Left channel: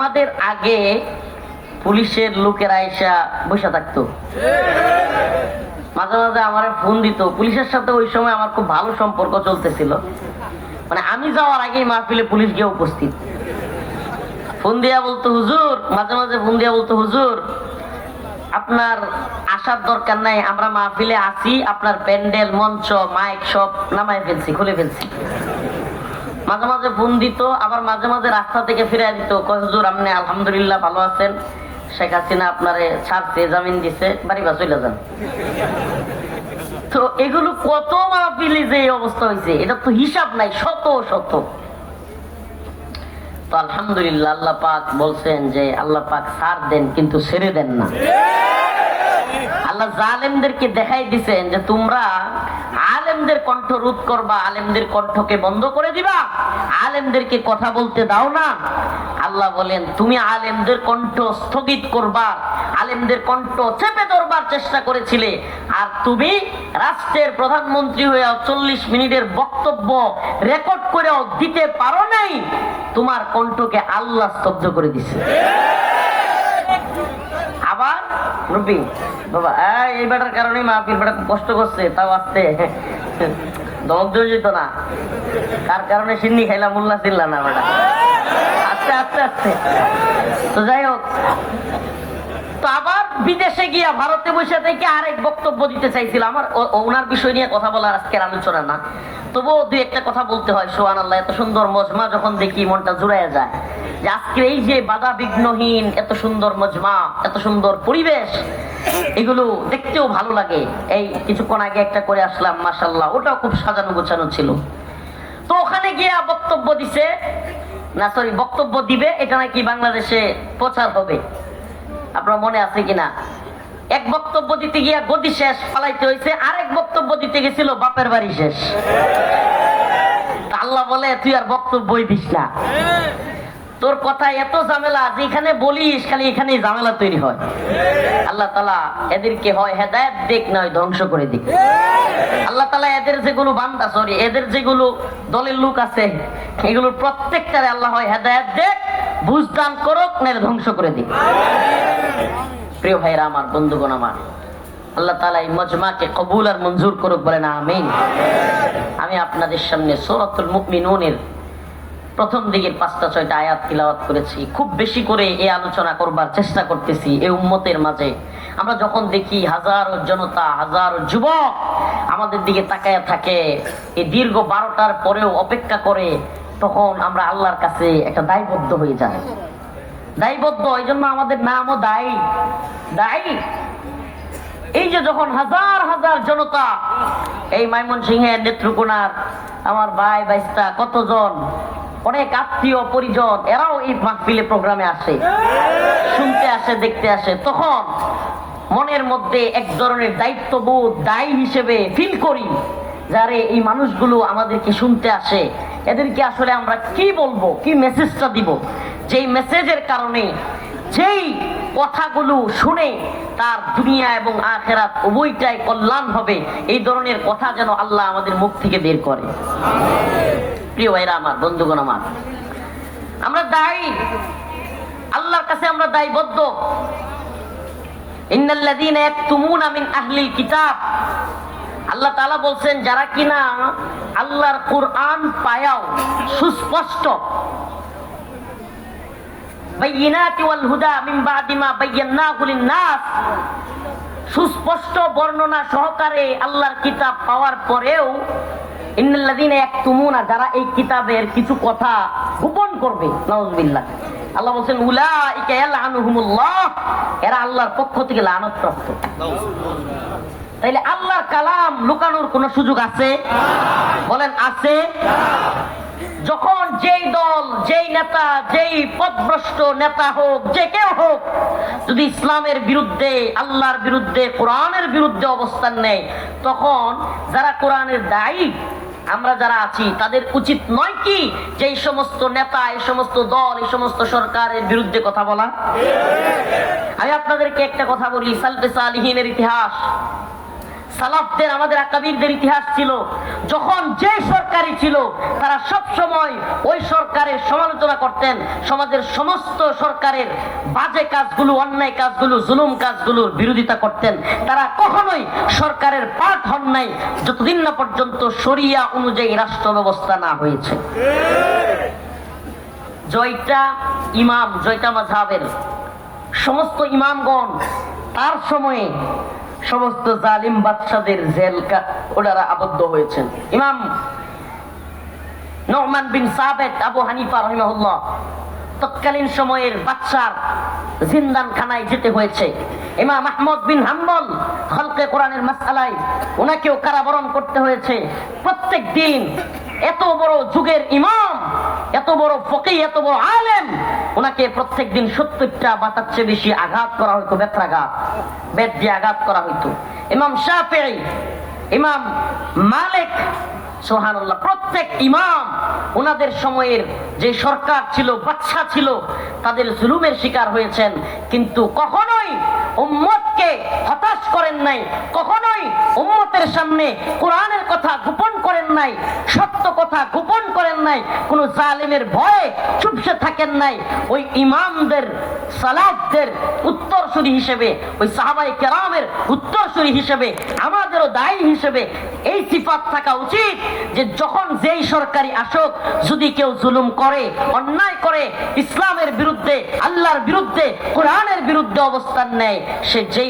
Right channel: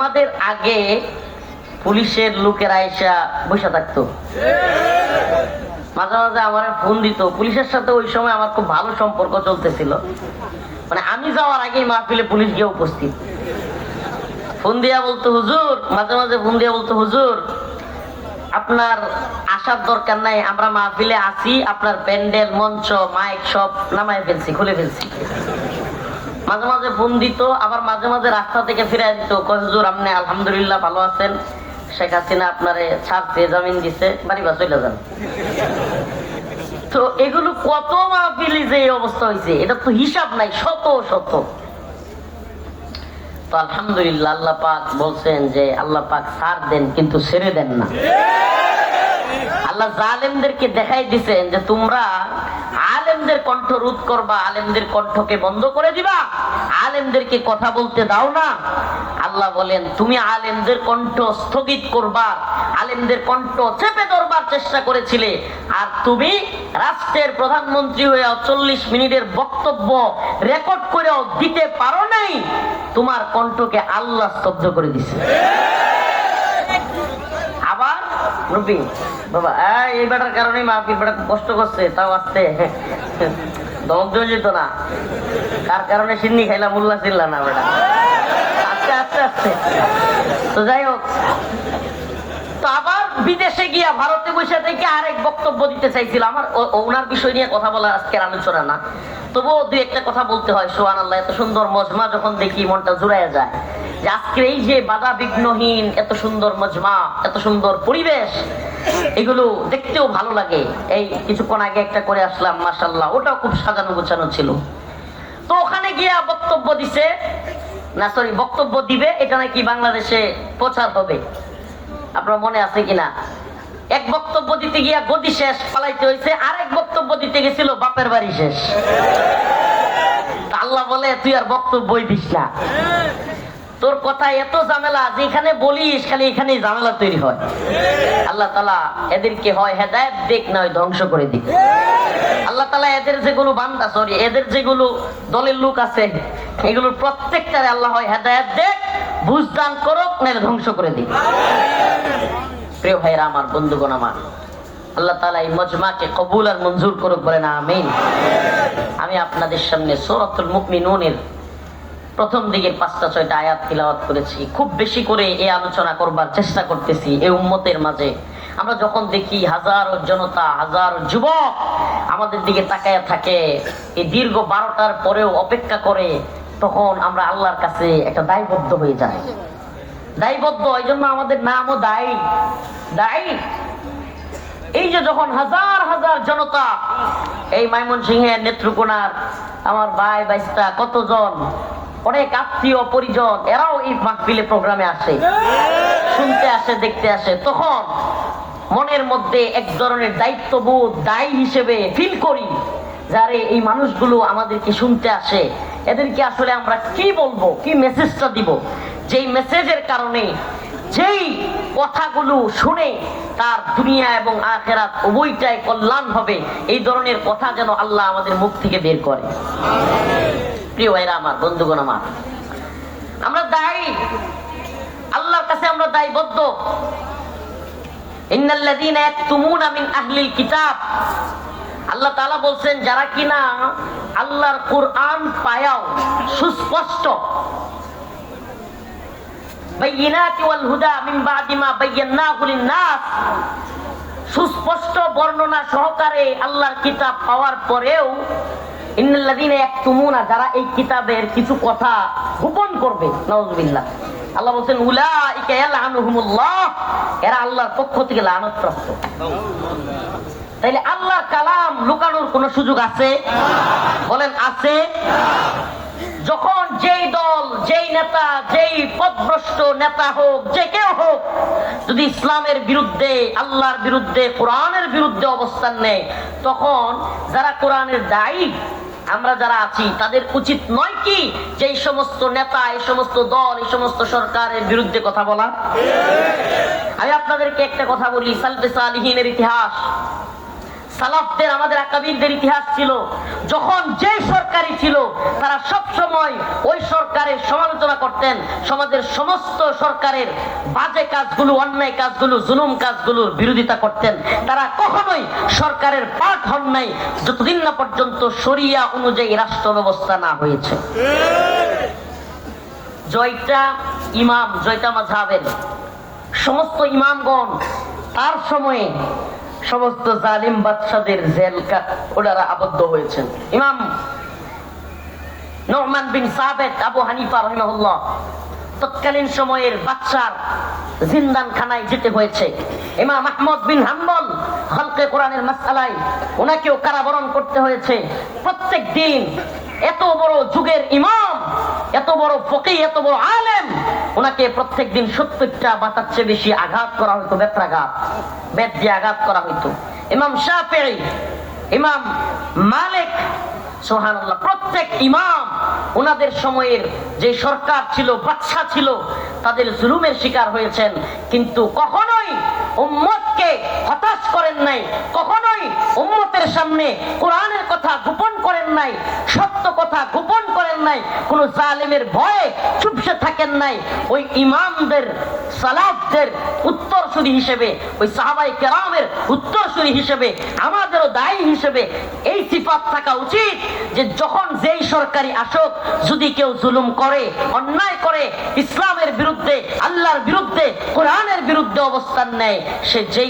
আমাদের আগে পুলিশের লোকেরা এসে বসে থাকতো, মাঝে মাঝে আমার ফোন দিত। পুলিশের সাথে ওই সময় আমার খুব ভালো সম্পর্ক চলতেছিল, মানে আমি যাওয়ার আগেই মাহফিলে পুলিশ গিয়ে উপস্থিত। ফোন দিয়া বলতো হুজুর, মাঝে মাঝে ফোন দিয়া বলতো হুজুর আপনার আসার দরকার নাই, আমরা মাহফিলে আছি, আপনার প্যান্ডেল মঞ্চ মাইক সব নামায় ফেলছি, খুলে ফেলছি। মাঝে মাঝে ফোন দিত, আবার মাঝে মাঝে রাস্তা থেকে ফিরে দিত, কয় হুজুর আপনি আলহামদুলিল্লাহ ভালো আছেন, শেখ হাসিনা আপনারে ছাড়তে জামিন দিছে, বাড়ি বা চলে যান। তো এগুলো কত মাহফিলে যে অবস্থা হয়েছে, এটা তো হিসাব নাই, শত শত। তো আলহামদুলিল্লাহ আল্লাহ পাক বলছেন যে আল্লাহ পাক ছাড় দেন কিন্তু ছেড়ে দেন না। আল্লাহ জালেমদেরকে দেখাই দিছেন যে তোমরা আলেমদের কণ্ঠ রোধ করবা, আলেমদের কণ্ঠকে বন্ধ করে দিবা, আলেমদেরকে কথা বলতে দাও না। আল্লাহ বলেন তুমি আলেমদের কণ্ঠ স্থগিত করবা, আলেমদের কণ্ঠ চেপে ধরবার চেষ্টা করেছিলে, আর তুমি রাষ্ট্রের প্রধানমন্ত্রী হয়ে 40 মিনিটের বক্তব্য রেকর্ড করেও দিতে পারো নাই, তোমার কণ্ঠকে আল্লাহ স্তব্ধ করে দিছে। আবার রবি বাবা এই বেটার কারণে মাহফিল বেটা কষ্ট করছে, তাও আসতে দগ্ধ যেত না, কার কারণে সিন্নি খাইলাম মোল্লা ছিল না বেটা, আস্তে আস্তে আস্তে। তো যাই হোক, তো আবার বিদেশে গিয়া ভারতে বসে থেকে আরেক বক্তব্য দিতে চাইছিল। আমার ওনার বিষয় নিয়ে কথা বলার আজকের আলোচনা না, তবুও দুই একটা কথা বলতে হয়। সুবহানাল্লাহ, এত সুন্দর মজমা যখন দেখি মনটা জুড়াইয়া যায়, যে আজকে এই যে বাধা বিঘ্নহীন এত সুন্দর মজমা, এত সুন্দর পরিবেশ, এগুলো দেখতেও ভালো লাগে। এই কিছুক্ষণ আগে একটা করে আসলাম, মাশাআল্লাহ, ওটাও খুব সাজানো গোছানো ছিল। তো ওখানে গিয়া বক্তব্য দিছে না, সরি বক্তব্য দিবে, এটা নাকি বাংলাদেশে প্রচার হবে, আপনার মনে আছে কিনা? এক বক্তব্য দিতে গিয়া গদি শেষ, পালাইতে হয়েছে। আরেক বক্তব্য দিতে গেছিল বাপের বাড়ি শেষ। আল্লাহ বলে তুই আর বক্তব্যই দিস না, তোর কথা এত ঝামেলা, যেখানে বলিস খালি এখানেই ঝামেলা তৈরি হয়। আল্লাহ তাআলা এদেরকে হয় হেদায়েত দিক, নয় ধ্বংস করে দিক। আল্লাহ তাআলা এদের যেগুলো বান্দা, সরি এদের যেগুলো দলের লোক আছে, এগুলোর প্রত্যেকটারে আল্লাহ হয় হেদায়েত দিক, বুঝদান করুক, নয় ধ্বংস করে দিক। প্রিয় ভাইরা আমার, বন্ধুগণ আমার, আল্লাহ তাআলা এই মজমাকে কবুল আর মঞ্জুর করুক, বলেন আমিন। আমি আপনাদের সামনে সূরাতুল মুমিনুনের প্রথম দিকের 5-6টা আয়াত তিলাওয়াত করেছি। খুব বেশি করে এই আলোচনা করবার চেষ্টা করতেছি। এই উম্মতের মাঝে আমরা যখন দেখি হাজারো জনতা, হাজারো যুবক আমাদের দিকে তাকায় থাকে, এই দীর্ঘ 12টার পরেও অপেক্ষা করে, তখন আমরা আল্লাহর কাছে একটা দায়বদ্ধ হয়ে যাই। দায়বদ্ধ, এই জন্য আমাদের নামও দায়ী। দায়ী এই যে যখন হাজার হাজার জনতা, এই ময়মনসিংহের নেত্রকোনার আমার ভাই বাইস্তা কতজন, অনেক আত্মীয় পরিজন, এরাও এই মাহফিলে প্রোগ্রামে আসে, শুনতে আসে, দেখতে আসে, তখন মনের মধ্যে এক ধরনের দায়িত্ববোধ, দায়ী হিসেবে ফিল করি, যারে এই মানুষগুলো আমাদেরকে শুনতে আসে, এদেরকে আসলে আমরা কি বলবো, কি মেসেজটা দিব, যেই মেসেজের কারণে, যেই কথাগুলো শুনে তার দুনিয়া এবং আখিরাত উভয়টাই কল্যাণ হবে, এই ধরনের কথা যেন আল্লাহ আমাদের মুখ থেকে বের করে। প্রিয় ভাইরা আমার, বন্ধুগণ আমার, আমরা দায়ী, আল্লাহর কাছে আমরা দায়বদ্ধ। ইন্নাল্লাযীনা ইয়াকতুমুনা মিন আহলিল কিতাব, আল্লাহ তাআলা বলছেন যারা কিনা আল্লাহর কুরআন পায়াও সুস্পষ্ট, বাইয়িনাতি ওয়াল হুদা মিন বাদি মা বায়্যানাহু লিন-নাস, সুস্পষ্ট বর্ণনা সহকারে আল্লাহর কিতাব পাওয়ার পরেও ইন্নাল্লাযীনা ইয়াকতুমুনা, যারা এই কিতাবের কিছু কথা গোপন করবে, নাউযুবিল্লাহ, আল্লাহ বলেন উলাইকা ইয়ালআনুহুমুল্লাহ, এরা আল্লাহর পক্ষ থেকে লানত-প্রাপ্ত। তাইলে আল্লাহর কালাম লুকানোর কোন সুযোগ আছে? বলেন আছে? যখন যেই দল, যেই নেতা, যেই পথভ্রষ্ট নেতা হোক, যে কেউ হোক, যদি ইসলামের বিরুদ্ধে, আল্লাহর বিরুদ্ধে, কোরআনের বিরুদ্ধে অবস্থান নেয়, তখন যারা কোরআনের দায়ী, আমরা যারা আছি, তাদের উচিত নয় কি যে এই সমস্ত নেতা, এই সমস্ত দল, এই সমস্ত সরকারের বিরুদ্ধে কথা বলা? আমি আপনাদেরকে একটা কথা বলি, সালফে সালিহিনের ইতিহাস, সালাফদের, আমাদের আকাবিরদের ইতিহাস ছিল, যখন যে সরকারি ছিল তারা সব সময় ওই সরকারের সরকারের সমালোচনা করতেন, সমাজের সমস্ত সরকারের বাজে কাজগুলো, অন্যায় কাজগুলো, জুলুম কাজগুলোর বিরোধিতা করতেন। তারা কখনোই সরকারের পার্ট হন নাই যতদিন না পর্যন্ত শরিয়া অনুযায়ী রাষ্ট্র ব্যবস্থা না হয়েছে। জয়টা ইমাম, জয়টা মাযহাবের সমস্ত ইমামগণ তার সময়ে সমস্ত জালিম বাদশাদের জেল ওনারা আবদ্ধ হয়েছেন। ইমাম নুমান বিন সাবিত আবু হানিফা রাহিমাহুল্লাহ তৎকালীন সময়ের বাদশার জিন্দানখানায় যেতে হয়েছে। ইমাম আহমদ বিন হাম্বল খালকে কোরআনের মাসআলায় ওনাকেও কারাবরণ করতে হয়েছে। প্রত্যেক দিন এত বড় যুগের ইমাম, এত বড় ফকিহ, এত বড় আলেম, ওনাকে প্রত্যেক দিন 70টা বাতার চেয়ে বেশি আঘাত করা হতো, বেত্রাঘাত, বেত দিয়ে আঘাত করা হতো। ইমাম শাফিঈ, ইমাম মালিক, সুবহানাল্লাহ, প্রত্যেক ইমাম ওনাদের সময়ের যে সরকার ছিল, বাদশা ছিল, তাদের জুলুমের শিকার হয়েছেন, কিন্তু কখনোই উম্মতকে হতাশ করেন নাই, কখনোই উম্মতের সামনে কোরআনের কথা গোপন করেন নাই, সত্য কথা গোপন করেন নাই, কোন জালেমের ভয়ে চুপসে থাকেন নাই। ওই ইমামদের, সালাফদের উত্তরসূরি হিসেবে, ওই সাহাবায়ে কেরামের উত্তরসূরি হিসেবে, আমাদেরও দায়ী হিসেবে এই সিফাত থাকা উচিত যে যখন যেই সরকারি আসুক, যদি কেউ জুলুম করে, অন্যায় করে, ইসলামের বিরুদ্ধে, আল্লাহর বিরুদ্ধে, কোরআনের বিরুদ্ধে অবস্থান নেয়, সে যেই